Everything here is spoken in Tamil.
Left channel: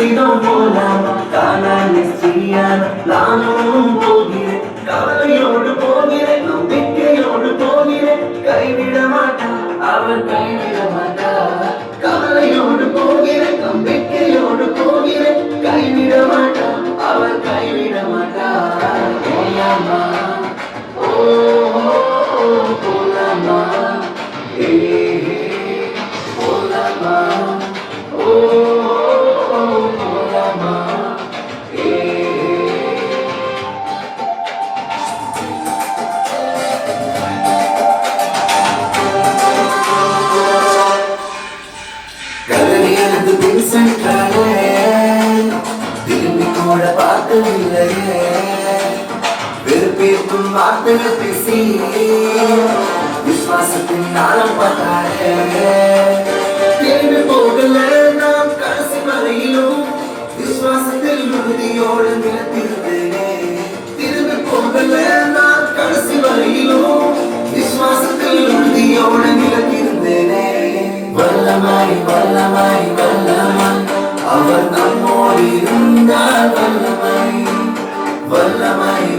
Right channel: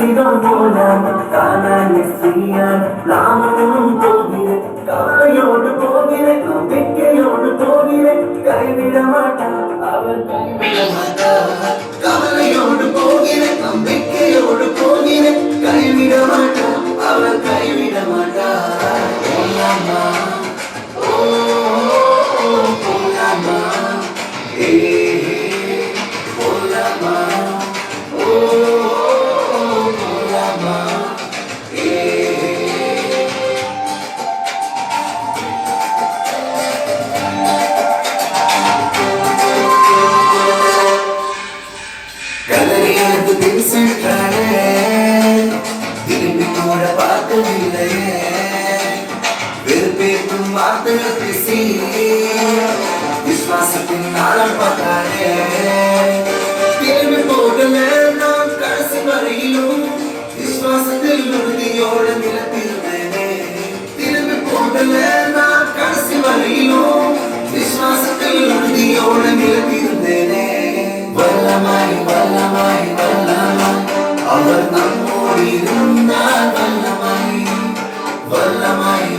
காசிடம் போலாமா காணானி ஸ்ரீயான நானும் போகிறேன் கவலையோடு போகிறேன் நம்பிக்கையோடு போகிறேன் கைவிட மாட்டான் அவர் கைவிட மாட்டார் கவலையோடு போகிறேன் நம்பிக்கையோடு போகிறேன் கைவிட மாட்டான் அவர் கைவிட மாட்டார் போலாமா ஓ போலாமா ஏ போலாமா ஓ போலாமா ஏ கதறி எனக்கு பின் சென்றாரே திரும்பி கூட பார்த்ததில்லையே வெறுப்பேற்றும் வார்த்தைகள் பேசி விசுவாசத்தின் நாளம் பார்த்தாரே திரும்பி போகல நாம் கடைசி வரையிலும் விசுவாசத்தில் உறுதியோடு நிலைத்திருந்தேனே திரும்பி போகல நாம் கடைசி வரையிலும் விசுவாசத்தில் உறுதியோடு நிலைத்திருந்தேனே வல்லமாய் வல்லமாய் வல்லமாய் அவர் நம்மோடு இருந்தால் வல்லமாய் வல்லமாய்